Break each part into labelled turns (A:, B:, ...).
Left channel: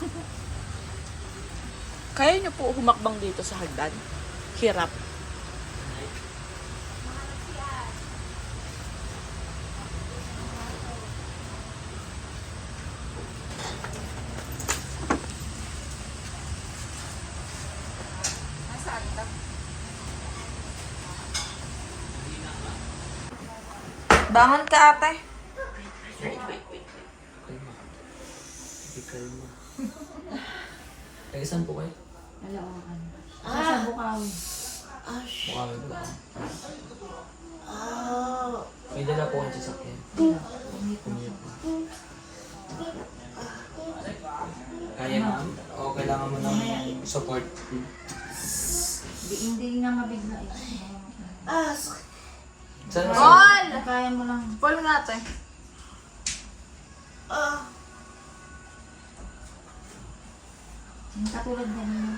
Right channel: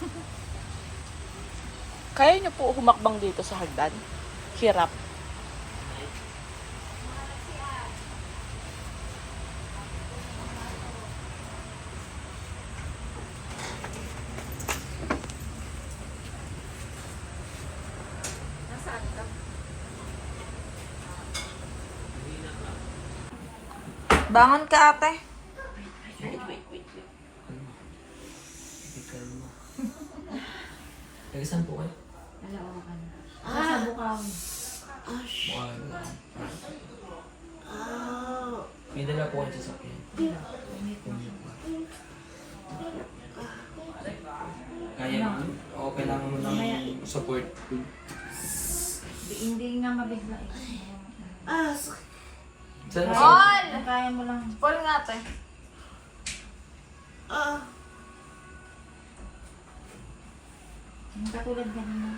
A: Kaya niyo po humakbang dito sa hagdan? Hirap. Bangon ka, ate.
B: Taga saan po kayo?
C: Ano. Ah! Sa Bukawi.
B: Mukha mo ba? May dala po kayo sa sakyan. Kaya ma'am? O kailangan mo ng support?
C: Di, hindi nga mabigla eh.
B: Saan na
A: Paul!
C: Kaya mo lang.
A: Paul nga, ate.
C: Yung katulad na niyo.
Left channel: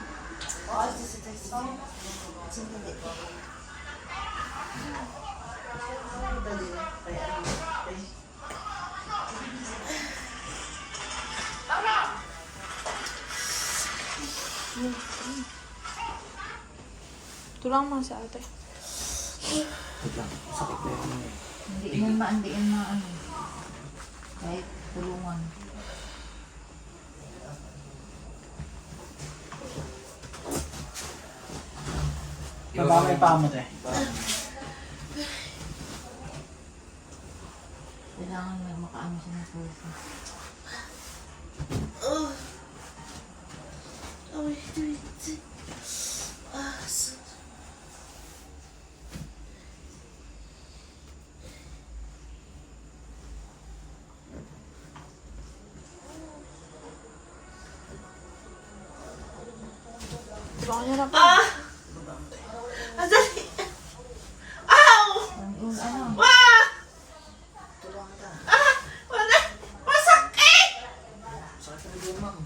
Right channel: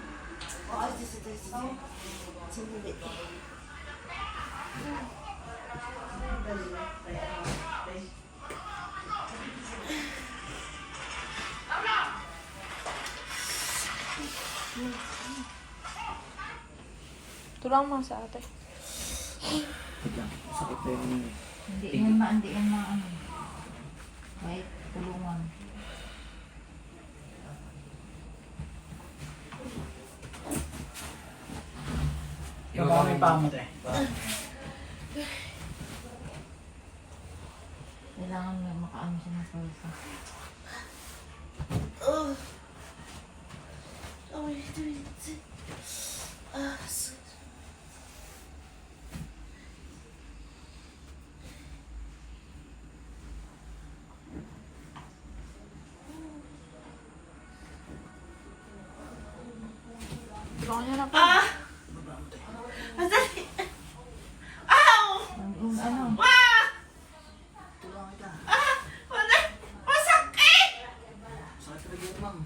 A: Ito lang mga sa ate.
B: Sakit po yung...
C: Hindi yan ma, hindi yan ma, ano. Kahit tulungan.
B: Baba mo yung paa mo, te.
C: Kailangan na makaano siya ng pulsa.
A: Bangon niyo na po.
C: Yung ano,
B: Sakit talaga yun, ma'am.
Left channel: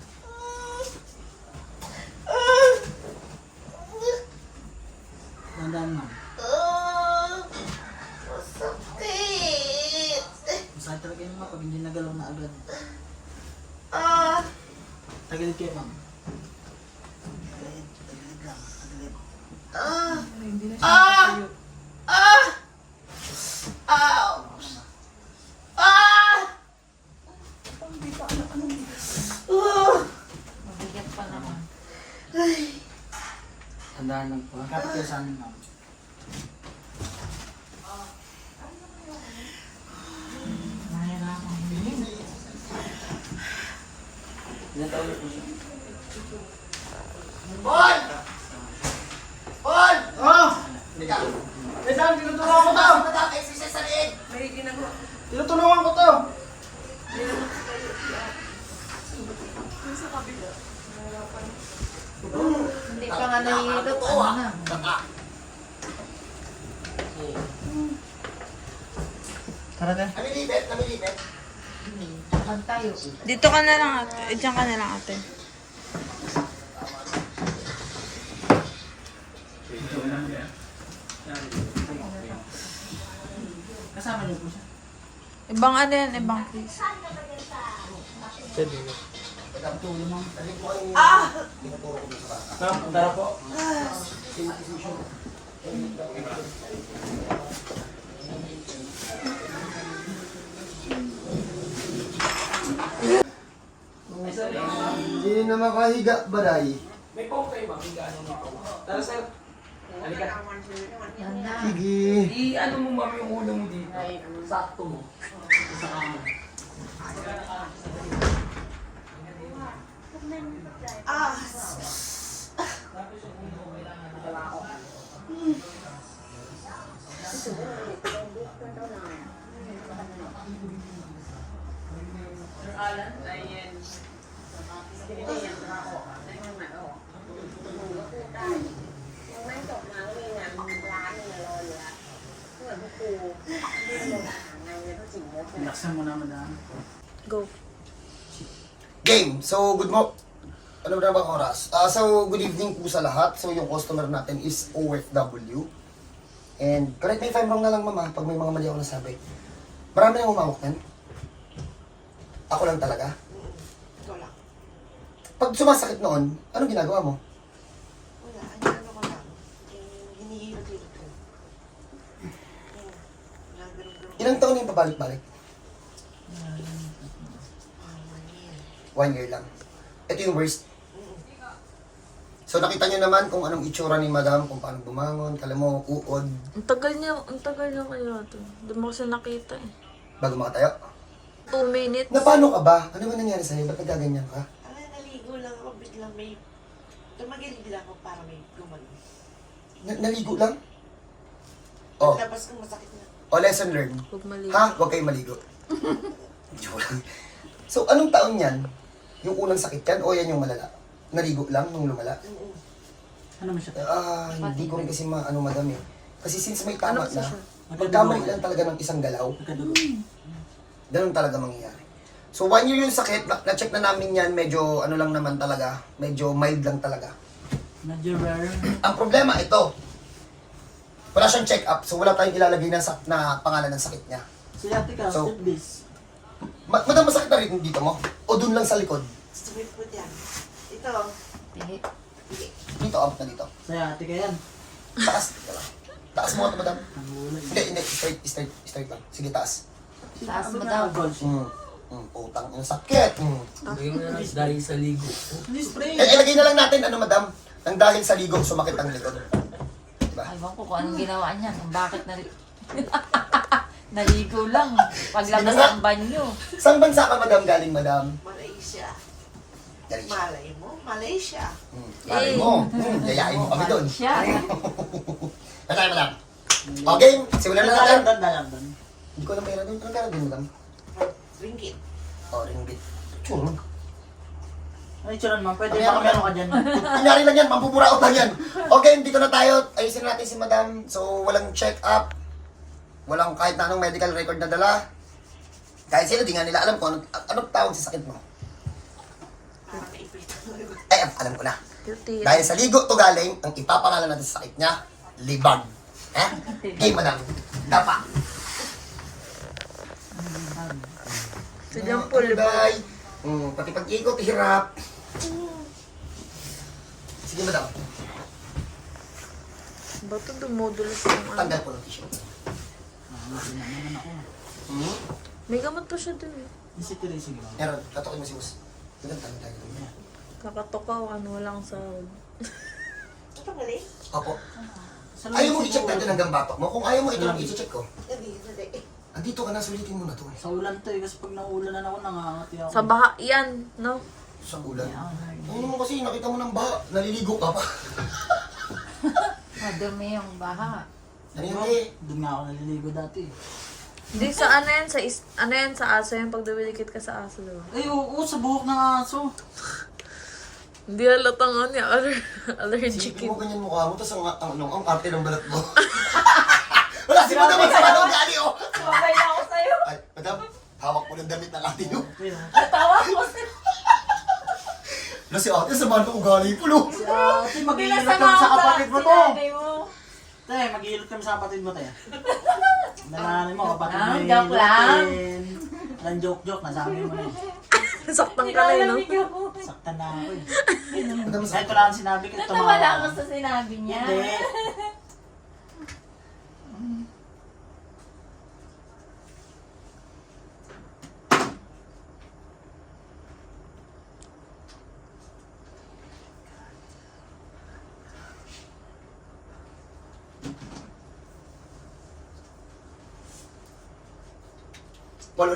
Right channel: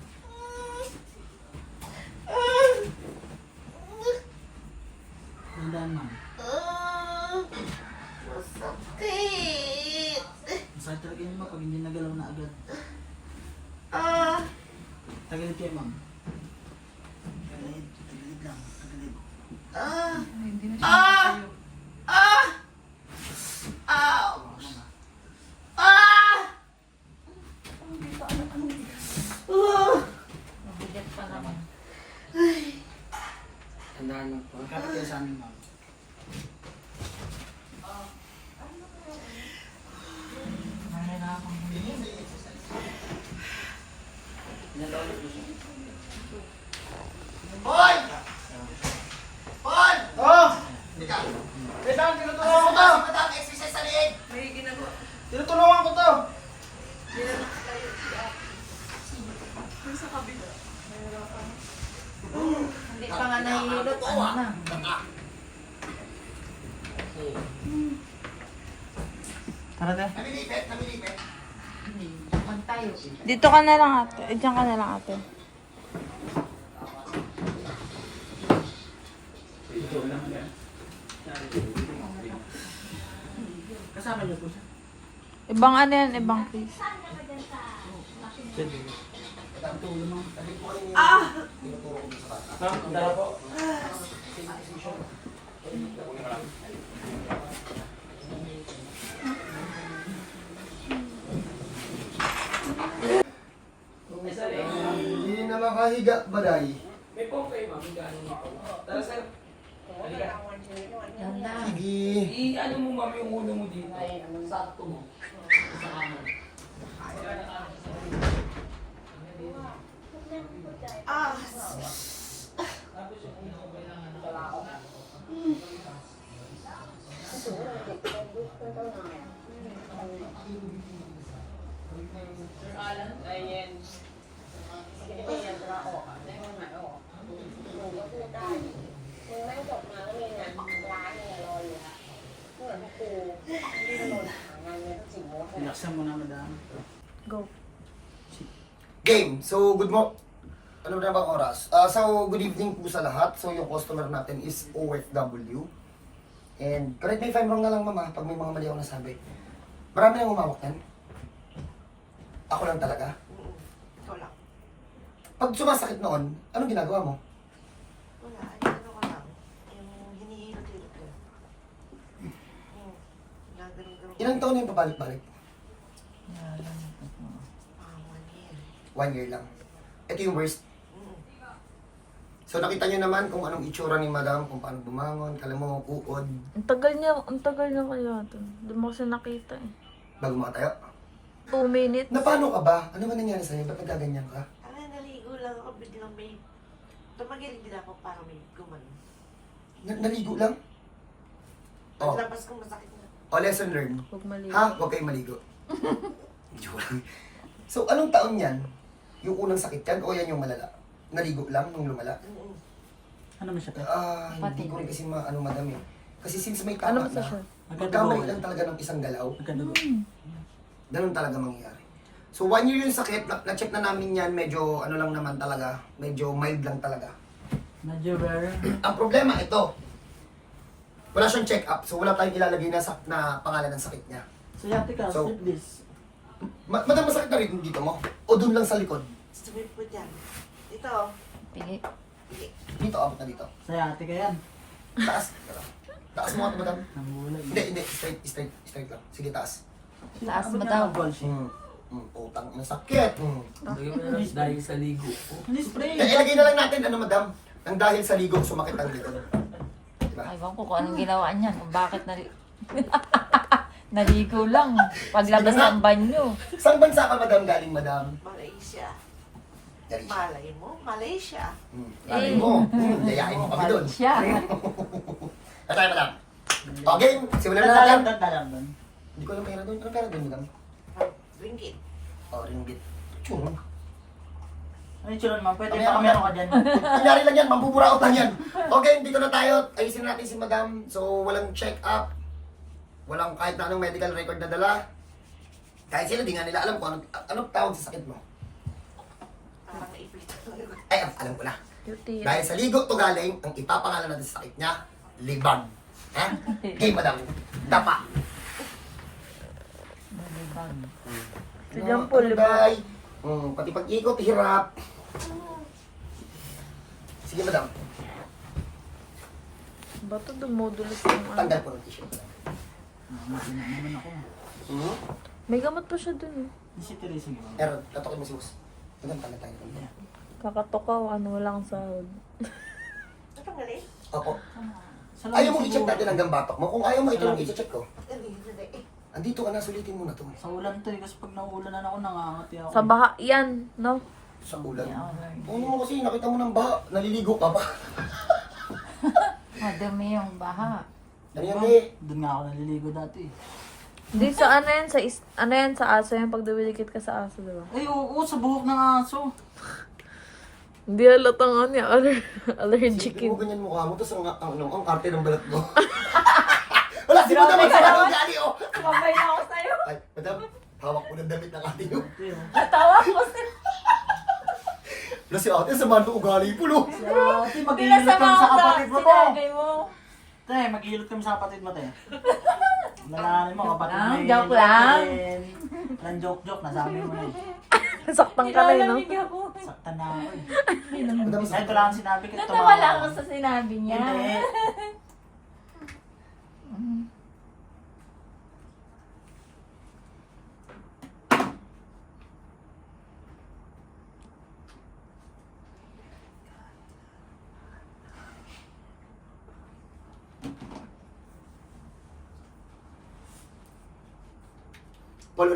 B: Nandaan, ma'am. Masakit talaga yun, ma'am, pag hindi nagalaw na agad. Tagilid kayo, ma'am.
C: Boy!
A: Dito ka na lang, ate. Eh, Diyan ka na lang, ate.
B: Kasama niyo po siya.
A: Ibang ano yan, ibang
B: mo. Ah! Tara po.
D: Hindi na makahiga, baday.
B: May po kayo, ma'am. Hindi ano ako. Tara, sir. Halika.
D: Sige.
B: I-ano mo, ma'am, yung ulo mo dito. Sakto mo. Sa kama. Relaxan mo na, madam.
A: Go.
D: Game. So, good mo. Ano na ba oras? Ah, so, good evening po sa lahat. So, yung customer natin is OFW. And, correct me if I'm wrong na lang, mama, pag may mga mali ako nasabi. Marami nang umawak yan. Ako lang talaga. Pag sumasakit noon, anong ginagawa mo?
B: Wala, ano ano ko lang. Yung hinihilot-hilot.
D: Ilang taon na yung pabalik-balik?
B: Ah, one year.
D: One year lang. Ito yung worst. So nakita niyo naman kung anong itsura ni madam, kung paano bumangon, kala mo, uod,
A: Ang tagal niya, ang tagal niya kaya to. Hindi mo kasi nakita eh.
D: bago makatayo.
A: Two minutes.
D: Na paano ka ba? Ano ba nangyari sa'yo? Ba't nagaganyan ka?
B: Ah, naligo lang ako. Biglang may... Tumagilid lang ako para may gumano.
D: Na- naligo lang? Oh,
B: Paglabas ko masakit na.
D: o lesson learned.
A: Huwag maligo.
D: Ha? Huwag kayong maligo. Joke lang. So, anong taon yan? Yung unang sakit yan o yan yung malala? Naligo lang nung lumala?
C: Ano mo siya?
D: Ah, hindi ko rin kasi ma ano madam eh. Kasi since may tama
A: Ano ba
D: na,
A: siya?
D: pagkamali lang talaga ng isang galaw,
C: Nagkadugo.
D: ganun talaga mangyayari. So one year yung sakit, na- na-check na namin yan, medyo ano lang naman talaga, medyo mild lang talaga.
C: Medyo rare.
D: Ang problema ito, wala siyang check-up, so wala tayong ilalagay na, sak- na pangalan ng sakit niya.
C: Sciatica,
D: So-
C: slip disc.
D: Ma madam, masakit na rin dito mo? O dun lang sa likod?
B: Sumip ko dyan. Ito.
C: Tingin.
D: Dito, abot na dito.
C: Sciatica yan.
D: Taas, teka lang. Taas mo ito, madam. Hindi, hindi, straight, straight, straight lang. Sige, taas.
C: Taas mo sheet.
D: Mm. Mm, putang, ang sakit. Mm.
E: Lagay mo na lang dahil sa ligo.
C: Hindi spray.
D: Eh, ilagay na lang natin, ano madam, nang dahil sa ligo, sumakit ang likod. Diba?
F: Ewan ko kung anong ginawa niya. Kung bakit na... Naligo lang. Paglabas
D: Sige na.
F: ng banyo.
D: Saan bansa ka, madam, galing, madam?
B: Malaysia.
D: Galing siya.
B: Malay mo, Malaysia.
D: Mm. Galing mo. Mm, yayain mo kami doon.
F: Siya.
D: Ano tayo, madam? Okay, simulan na natin.
C: Nalalandat na lang doon.
D: Hindi ko alam pera doon. Anong pera doon, madam?
B: Ringgit.
D: Oh, ringgit. Tsuro.
C: Ay, churan mo. Pwede
D: Ano
C: baka meron ka dyan.
D: Kunyari lang yan, mambuburaot lang yan. Okay, dito na tayo. Ayusin natin si madam. So, walang check-up. Walang kahit na anong medical record na dala. Kahit sila, di nga nila alam kung anong, anong tawag sa sakit mo. Ay, alam ko na. Dahil sa ligo to galing, ang ipapangalan natin sa sakit niya, libag. Ha? Okay, madam. Dapa.
A: Si John Paul, liba.
D: Bye. Mm, pati pag-ikot, hirap. Sige, madam.
A: Ba't ito dumudulas yung ano?
D: Tanggal po ng tissue. Hmm?
A: May gamot pa siya dun. eh.
C: Isip.
D: Pero, tatokin mo si Bus. Madam, tanda tayo. madam.
A: Kakatukaw, ano, walang sahod.
B: Ito galing?
D: Opo. Ayaw mo i-check natin hanggang batok mo. Kung ayaw mo, ito lang i-check ko.
B: Hindi, hindi.
D: Andito ka na, sulitin mo na to.
C: Sa ulan to eh, kasi pag naulan na ako, nangangati ako.
A: Sa baha yan, no?
D: Sa ulan. Ano mo kasi, nakita mo ng baha, naliligo ka pa.
F: Madumi yung baha.
D: Ano yan eh?
C: Doon nga ako naliligo dati. eh.
A: Hindi sa ano yan, sa is, ano yan, sa aso yan, pag dumilikit ka sa aso, diba?
C: Ay, oo, sa buhok ng aso.
A: Hindi halatang ano yan, aller, allergic
D: Sige
A: yun.
D: mo ganyan mukha mo, tapos ang, ang, ang, ang arte ng balat mo. Wala, si madam, ang sama ng ugali, oh.
F: Sumabay na ako sa'yo.
D: Ay, madam, hawak ko ng damit ng ate nyo.
C: Ito yun.
F: Tawa ko sa'yo.
D: Wala si ate, sama ng ugali po, lo.
C: Si ate, maghihilot kami sa kapatid mo.
F: Sinabi mo.
C: Te, maghihilot kami sa kapatid mo, te. Nalaman mo, kapatid mo
F: Lang,
C: eh,
F: joke lang.
C: Lang joke-joke, nasabi mo na eh.
A: Saktan ka na yun, no?
C: Saktan na ako eh. Ito lang ang sinabi ko,
F: Natawala
C: tumawa.
F: ako sa sinabi niya.
C: Hindi.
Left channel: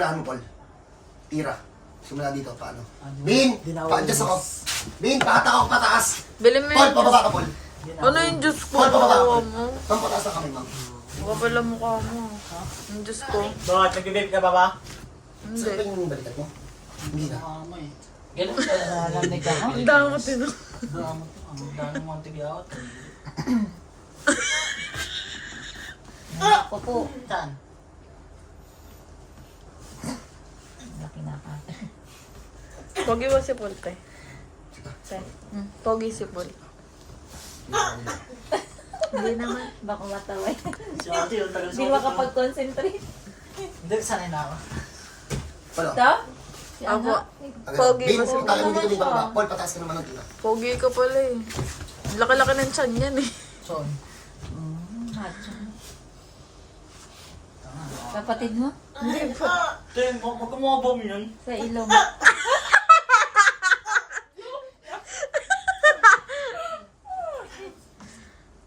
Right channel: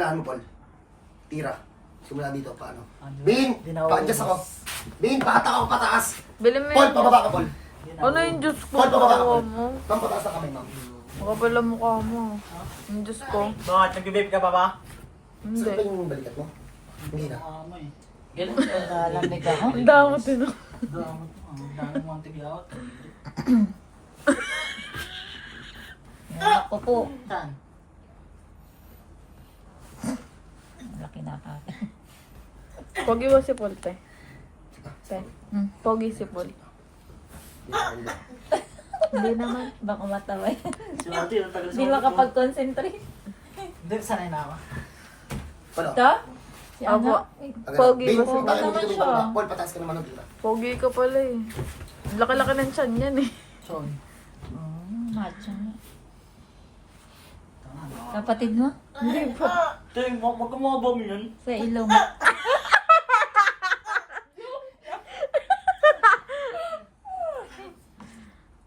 D: Paul, unahan mo, Paul. Tira. Simula dito, paano?
C: Ano?
D: Bin, pa-adjust ako. Bin, pakata ako pataas.
A: Bili mo
D: Paul,
A: yung
D: pababa ka, Paul.
A: Ano yung Diyos ko,
D: Paul, pababa ka,
A: kawawa
D: Paul.
A: mo?
D: Ma'am, pataas na kami, ma'am.
A: Kapala mukha mo. Yung Diyos ko.
C: Bakit, nag-vape ka pa ba?
A: Hindi.
D: Saan ba yung balikat mo? Hindi na.
C: Mama eh.
E: Ganun. Hindi ka.
A: Ang damot.
C: Dami ang dami mong.
F: Ako po.
C: Saan?
F: Laki na pa.
A: Pogi ba si te? Te. Pogi si Paul. Hindi naman.
F: Baka mataway.
C: Si ate, ang tagal
F: Hindi
C: sumunod.
F: makapag-concentrate.
C: Hindi, sanay na ako.
D: Paano?
F: Ka?
A: Apo. Pogi
D: Babe,
A: ba si
D: takin mo dito bangba. Paul, pataas ka naman ng tira.
A: Pogi ka pala eh. Laki-laki ng tiyan yan eh.
B: Son.
F: Kapatid mo?
B: Te, mag magkamabam yun.
F: Sa ilong.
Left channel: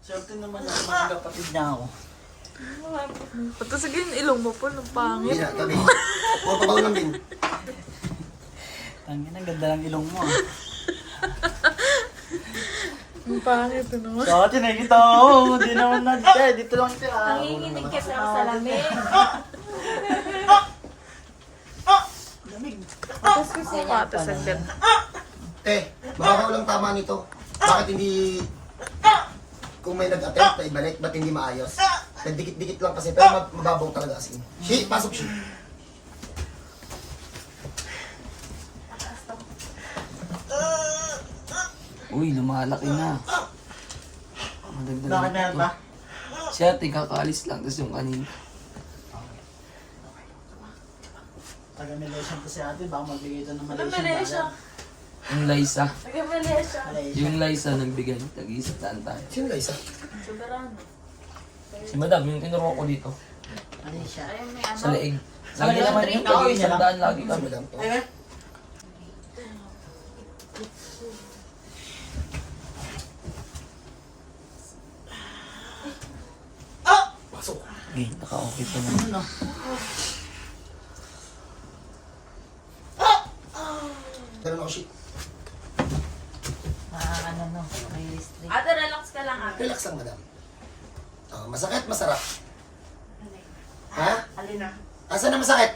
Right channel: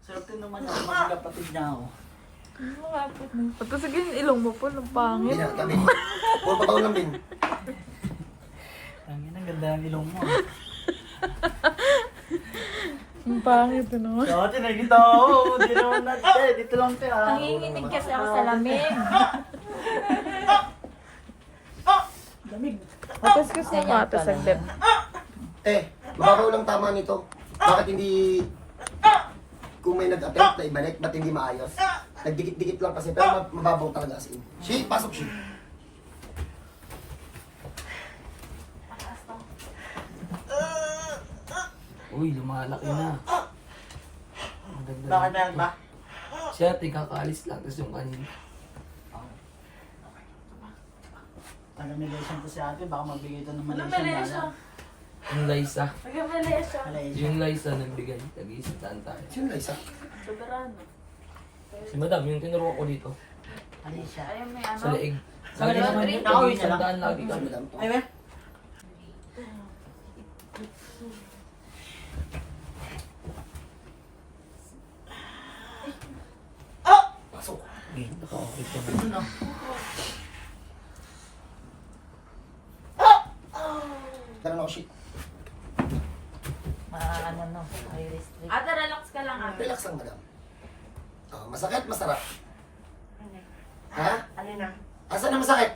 B: Swerte naman ako niya ako.
A: At sige yung ilong mo po, ng
D: Hindi
A: pangit.
D: na, gabi. Paul, pabaw ng bin.
B: Ang ang ganda ng ilong mo.
A: Ang pangit eh naman.
B: Dati nakikita ko, hindi naman na. Eh, dito lang siya.
F: Nanginginig kasi ako sa lamig.
B: Lamig.
A: Tapos kasi matas agad.
D: Eh, mababaw lang tama nito. Bakit hindi kung may nag-attempt na ibalik, ba't hindi maayos? Nagdikit-dikit lang kasi, pero mab- mababaw talaga as in. Shi, pasok shi.
E: Uy, lumalaki na. Madagdag
B: Bakit na ba?
E: Si ate kakaalis lang, tapos yung kanina.
B: Taga Malaysian to si ate, baka mabigay ito ng Malaysian.
A: Malaysia?
E: Yung Liza. Yung Liza nagbigay. Tag-isip tayo.
D: Sino Liza?
A: Soberano.
E: Si madam, yung tinuro ko dito.
B: Malaysia.
A: Ayun may ano.
E: Sa leeg.
B: Sabi
E: Lagi
B: naman yung
E: tag-isip daan lagi
D: Si
E: kami.
D: Madam to.
B: Eh,
D: Pasok.
E: Okay, naka-okay pa na.
B: ano?
D: Ganun ako shi.
F: Ah, ano no, may restrict.
A: Ate, relax ka lang ate.
D: Relax lang, madam. Oh, masakit, masarap. Ha?
A: Alina.
D: Asan na masakit?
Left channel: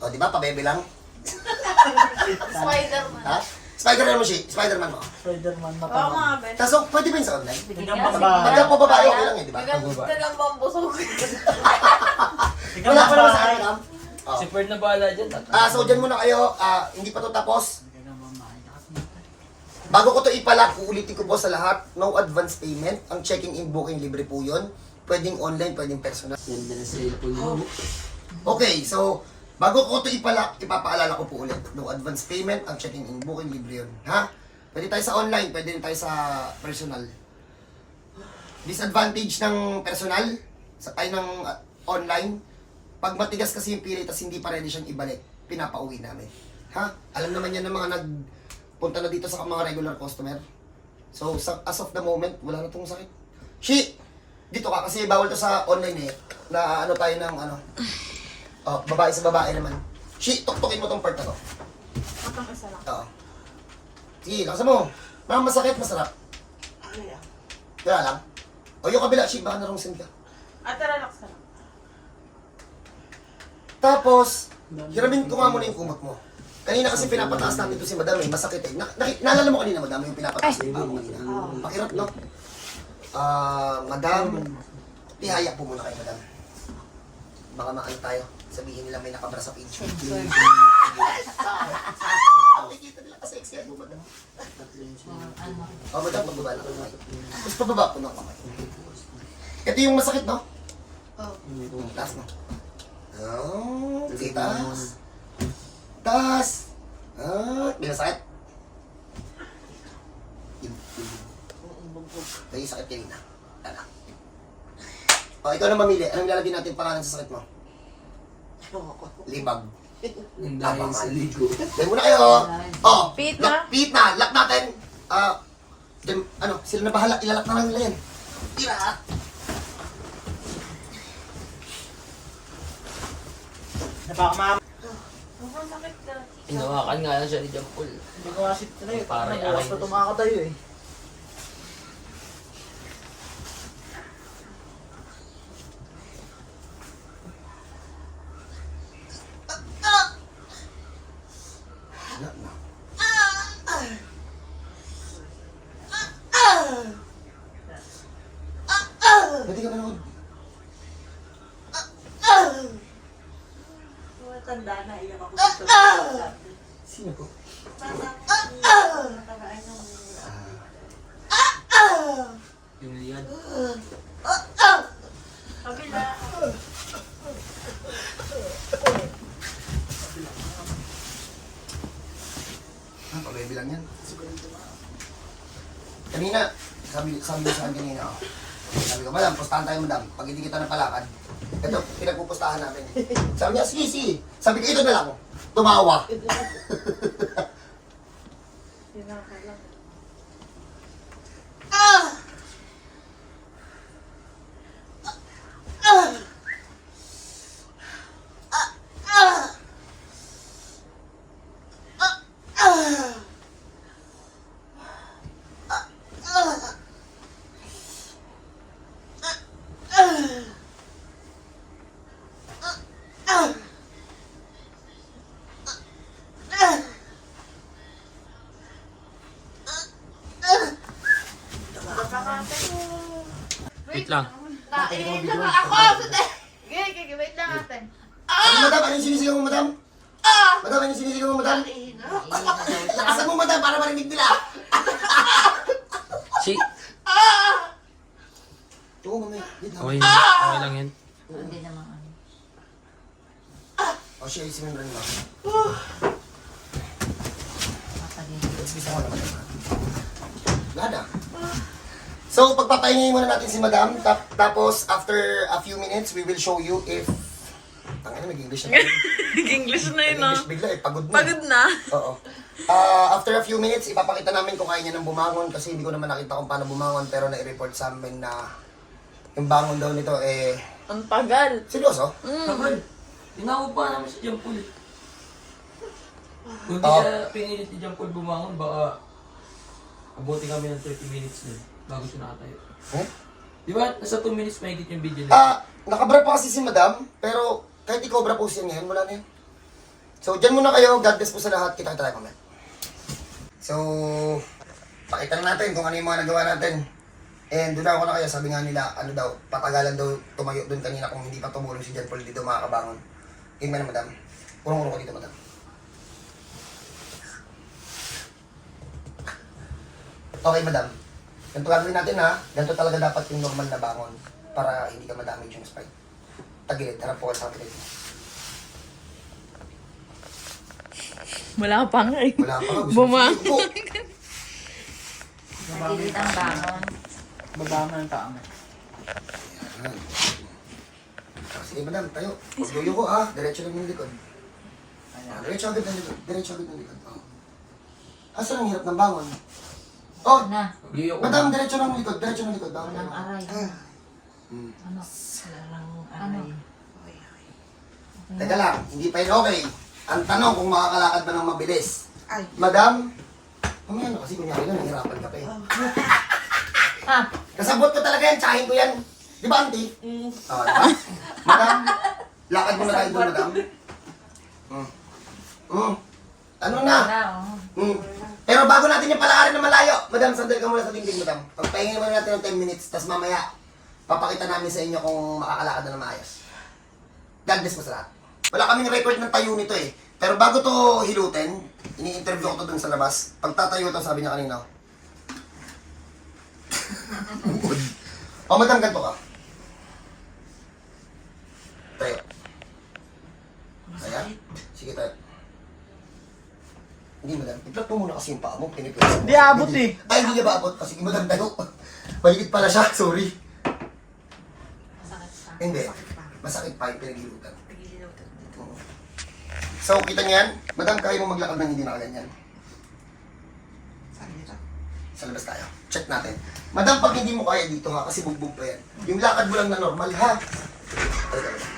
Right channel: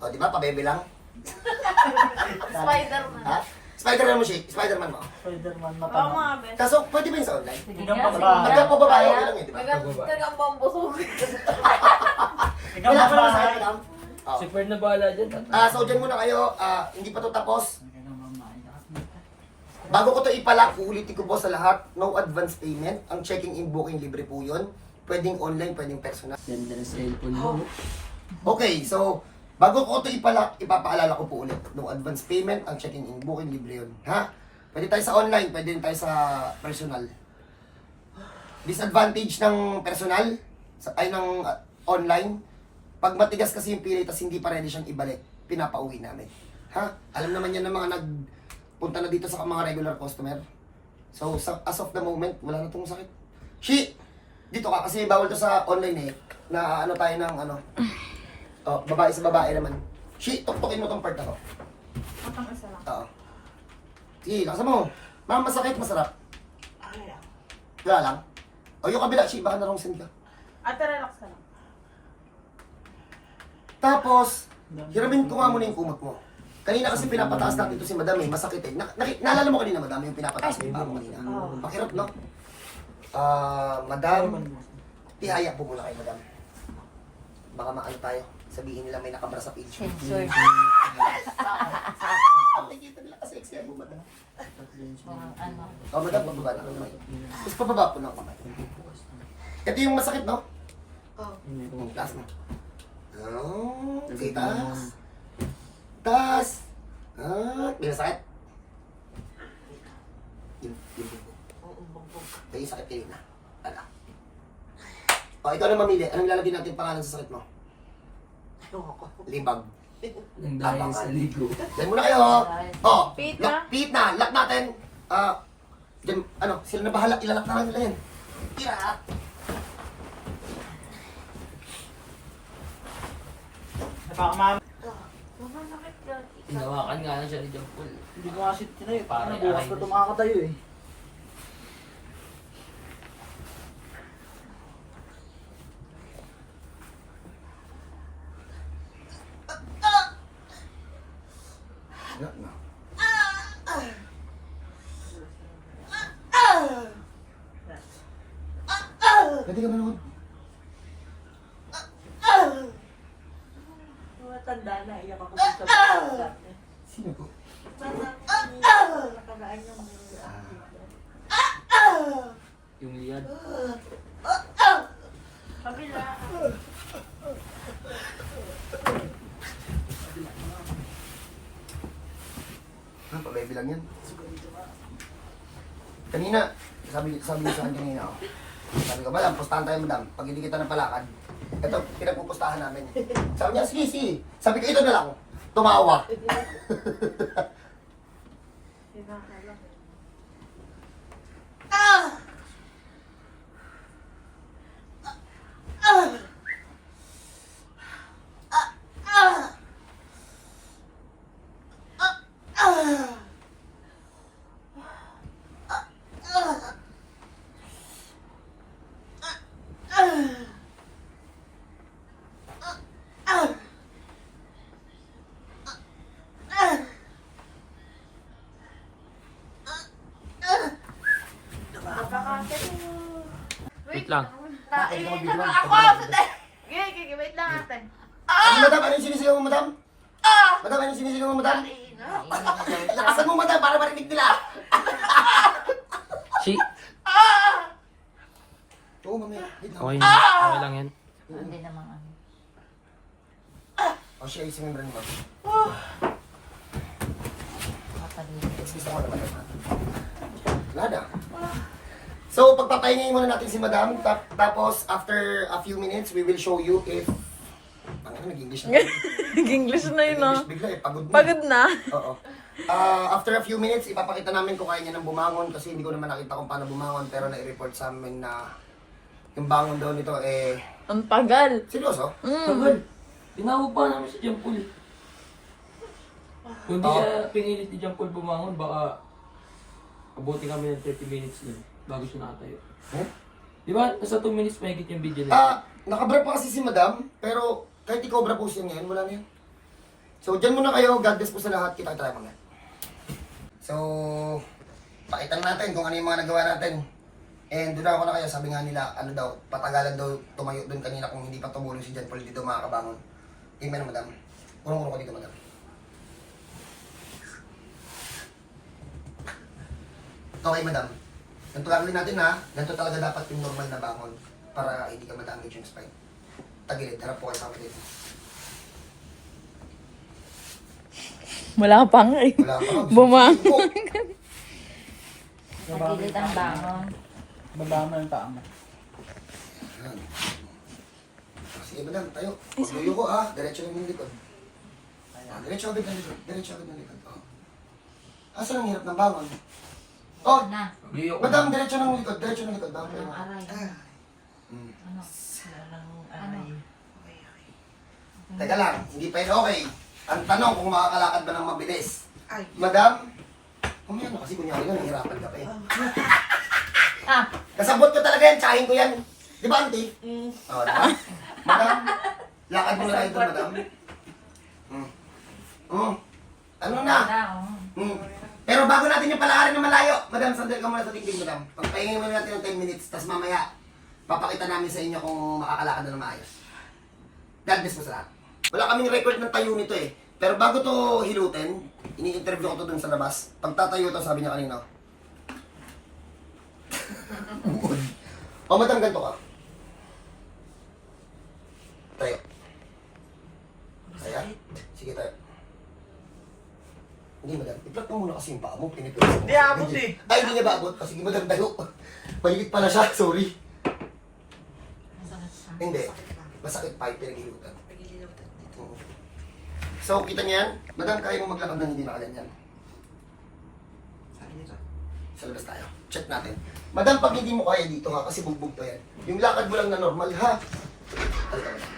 D: O, di ba, pabebe lang?
A: Spider-Man.
D: Ha? Spider-Man mo, shi. Spider-Man mo.
B: Spider-Man mo
A: Oo nga, Ben.
D: Kaso, pwede ba yun sa online?
B: Ikaw pa ba?
D: Pagka po babae, okay lang eh, di ba?
A: Tagang bambusog.
B: Ikaw
D: Wala
B: pa
D: pa
B: ba?
D: naman sa akin. Oh.
E: Si Ferd na bahala dyan.
D: Ah, so dyan muna kayo, ah, hindi pa to tapos. Bago ko to ipalak, uulitin ko po sa lahat, no advance payment. Ang checking in booking libre po yun. Pwedeng online, pwedeng personal.
E: Yan din ang cellphone mo.
D: Okay, so bago ko to ipalak, ipapaalala ko po ulit. No advance payment, ang checking in booking libre yun. Ha? Pwede tayo sa online, pwede rin tayo sa personal. Disadvantage ng personal, sa ay ng ah, online, pag matigas kasi yung pilay tas hindi pa ready siyang ibalik, pinapauwi namin. Ha? Alam naman yan ng mga nagpunta na dito sa mga regular customer. So, sa, as of the moment, wala na tong sakit. Shi! Dito ka, kasi bawal to sa online eh. Na ano tayo ng ano. Oh, babae sa babae naman. Shi, tuktukin mo tong part na to.
A: Atong isa lang.
D: Oo. Sige, laksa mo. Ma'am, masakit, masarap. Wala lang. O yung kabila, shi, baka narongsin ka.
A: Ate, relax ka lang.
D: Tapos, hiramin ko nga muna yung kumot mo. Kanina kasi pinapataas natin ito si madam eh, masakit eh. Na, naki- naalala mo kanina madam yung pinapataas yung paa mo kanina? Pakirot no? Ah, madam, tihaya po muna kay madam. Baka maano tayo, sabihin nila may nakabra sa page. Nakikita nila kasi sexy mo madam. Oh, madam, pagbaba na kamay. Tapos pababa po ng kamay. Ito yung masakit, no? Oo. Oh. Taas mo. Oh, sige, taas. Taas. Ah, may sakit. Yun, yun. May sakit kanina. Tala. O, ikaw na mamili. Anong lalagyan natin pangalan sa sakit mo? Libag.
E: Nang dahil sa ligo.
D: Diyan muna kayo. Oh,
A: Pit
D: lock,
A: na?
D: pit na. Lock natin. Ah, diyan, ano, sila na bahala. Ilalak na lang nila yan. Tira.
B: Napakamama.
A: Masakit ka.
E: Hinawakan nga lang siya ni John Paul.
B: Hindi ko kasi tinuloy.
E: Pare,
B: Ano, bukas
E: na
B: tumakatayo eh.
D: Pwede ka manood.
F: Matanda na, iyak ako dito.
D: Sino to?
F: Nakaraan yung
E: Yung liad.
A: Kabila.
D: Ano to, baby lang yan. Kanina, sabi, sabi niya sa akin kanina, oh. Sabi ko, madam, pustahan tayo, madam. Pag hindi kita napalakad, ito, pinagpupustahan namin. Sabi niya, sige, sige. Sabi ko, ito na lang. Tumawa.
E: Wait lang.
C: Ako! Gigi, gigi, wait lang natin.
D: Madam, ano yung sinisigaw mo, madam? Madam, ano yung sinisigaw mo, madam? Lakasan mo, madam, para marinig nila.
E: Si...
D: Oo, mamaya. Wait lang.
E: Okay, okay lang yan.
C: Hindi naman ano.
D: O, siya, isingin mo naman na. So, pagpapahingayin muna natin si Madam. Tap, tapos, after a few minutes, we will show you if... Ang ano, nag-English na.
A: Nag-English na yun ah.
D: Nag-English bigla eh, pagod na.
A: Pagod na.
D: Oo. Ah, after a few minutes, ipapakita namin kung kaya niya nang bumangon kasi hindi ko naman nakita kung paano bumangon pero na-report sa amin na yung bangon daw nito eh...
A: Ang tagal.
D: Seryoso?
E: Tagal. Tinawag pa namin si eh. Kung di
D: Oo.
E: siya pinilit ni Paul bumangon, baka abuti kami ng 30 minutes doon bago siya nakatayo.
D: Eh?
E: Di ba? Nasa 2 minutes mahigit yung video lang.
D: Ah, nakabra pa kasi si Madam, pero kahit i-cobra po siya ngayon, wala na yan. So, dyan muna kayo. God bless po sa lahat. Kita tayo mamaya. So, pakita na natin kung ano yung mga nagawa natin. And doon ako na kaya, sabi nga nila, ano daw, patagalan daw tumayo doon kanina kung hindi pa tumulong si John Paul dito makakabangon. Yun na, Madam. Urong-urong ko dito, Madam. Okay, Madam. Ganito gagawin natin ha. Ganito talaga dapat yung normal na bangon para hindi ka madamage yung spine. Tagilid, harap po kayo sa tagilid.
A: Wala pa nga eh.
D: Wala pa nga. gusto
A: Buma-
D: ko po.
C: Tagilid ang bangon.
B: Baba mo yung paa mo.
D: Yan. Sige, madam, tayo. Huwag yoyo ko ha. Diretso lang yung likod. Ah, Diretso agad ng likod. Diretso agad ng likod. Oh. Asa ang hirap ng bangon? Oh,
C: Na.
E: Yuyo ko.
D: madam, diretso ng likod. Diretso ng likod. Bangon
C: Walang
D: na.
C: aray.
D: Hmm.
C: Ano? Ano?
D: Teka lang, hindi pa yun okay. Ang tanong kung makakalakad ba ng mabilis. Madam, Humiyan na kasi kunyari nga, nahihirapan ka pa eh.
C: Ah!
D: Kasabot ko talaga yan, tsahin ko yan. Di ba, auntie?
A: Mm.
D: Oo, di ba? Madam, lakad mo na tayo doon, madam. Mm. Mm. Ano na?
C: Na, oh.
D: Mm. Pero bago natin yung palakarin na malayo, madam, sandal ka muna sa tingting, madam. Pagpahingin muna natin ng 10 minutes, tapos mamaya, papakita namin sa inyo kung makakalakad na na maayos. God bless po sa lahat. Wala kaming record ng tayo nito eh. Pero bago to hilutin, ini-interview ko to dun sa labas. Pag tatayo to, sabi niya kanina. O, madam, ganito ka. Tayo. Ayan. Sige, tayo. Hindi, madam. I-plug mo muna kasi yung paa mo. Pinipilis.
A: Di abot eh.
D: Ay, hindi niya ba abot? Kasi madam tayo. Maligit pala siya. Sorry.
C: Masakit pa.
D: Hindi. Masakit pa yung pinagilutan. Oo. So, kita niyan, madam, kaya mo maglakad ng hindi nakaganyan. Sa labas tayo. Check natin. Madam, pag hindi mo kaya dito ha, kasi bugbog pa yan. Yung lakad mo lang na normal ha. Halika, madam. Puro lang, madam.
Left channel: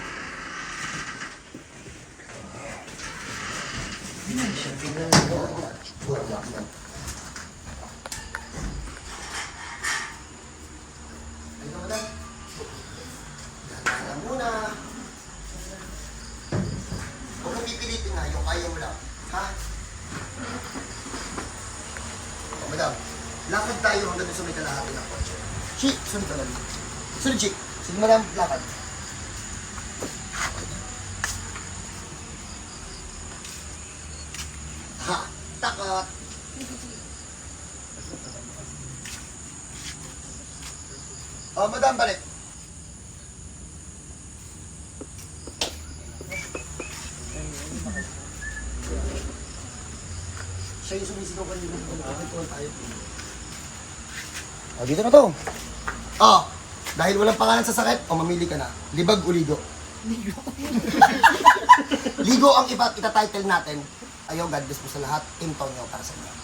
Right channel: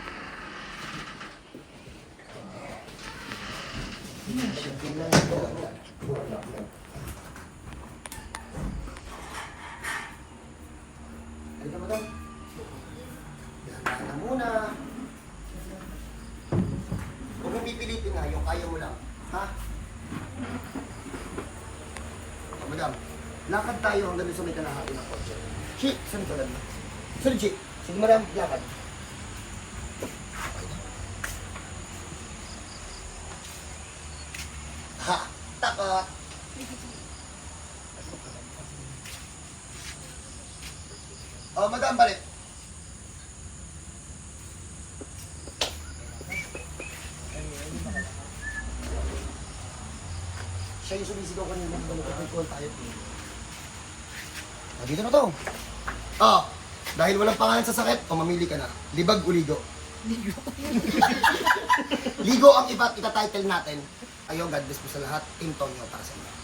D: Halika, madam. Kaya muna. Huwag mong pipilitin na, yung kaya mo lang. Ha? O, madam, lakad tayo hanggang sa may kalahati ng kotse. Chi, sunod ka dali. Sunod, Chi. Sige, madam, lakad. takot. Oh, madam, balik. Siya yung sumisigaw kanina. Nag-call tayo. O, dito na to. Oh, dahil walang pangalan sa sakit, oh, mamili ka na. Libag o ligo? Ligo. ligo ang iba, itatitle natin. Ayun, God bless po sa lahat. Team Tonyo para sa inyo.